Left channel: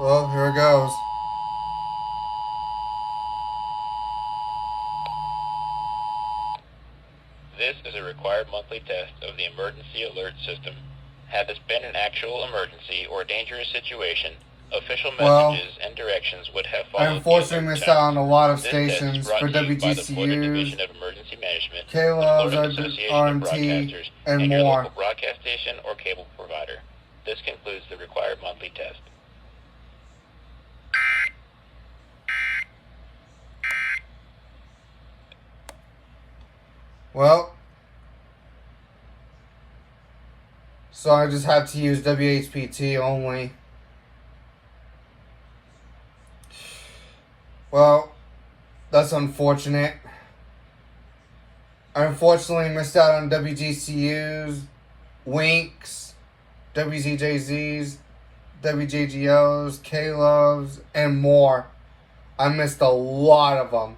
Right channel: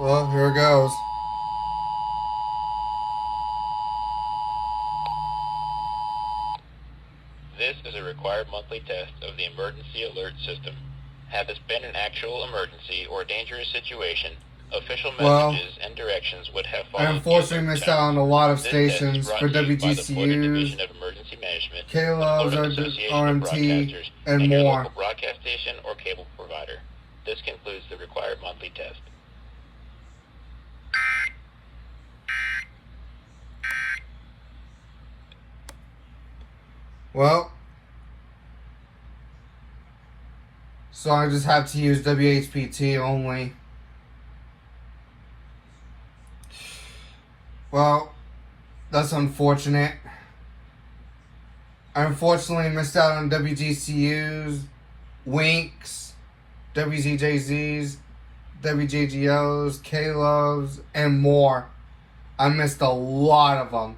Well, here it goes. This is a required monthly test of the emergency alert system. Had this been an actual emergency or dangerous situation, official messages and directions would have followed. I unfortunately missed out on a lot of stations for WGCUs, Division of Emergency Management, the KLOs, Florida Association of RMT, Broadcasters, and your more. local broadcast station or cable provider. This concludes the required monthly test. Well, so I just have to use WHPT only. Well, that's unfortunate. I unfortunately missed out on WGCUs, Winks, WZJZs, WJGOs, K-Loves, and more. I missed a lot of them,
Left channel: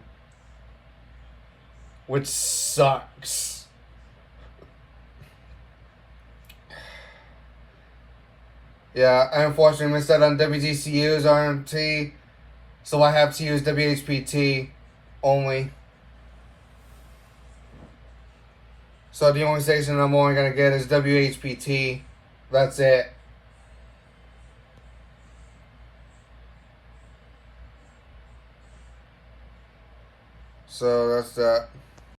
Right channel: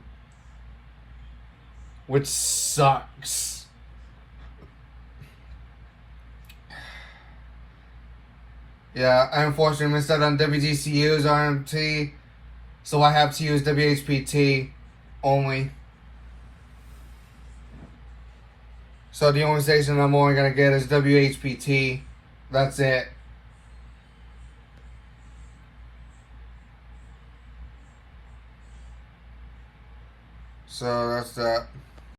which sucks. Yeah, I unfortunately missed out on WGCUs, RMT, so I have to use WHPT only. So the only station I'm only going to get is WHPT. That's it. So that's that.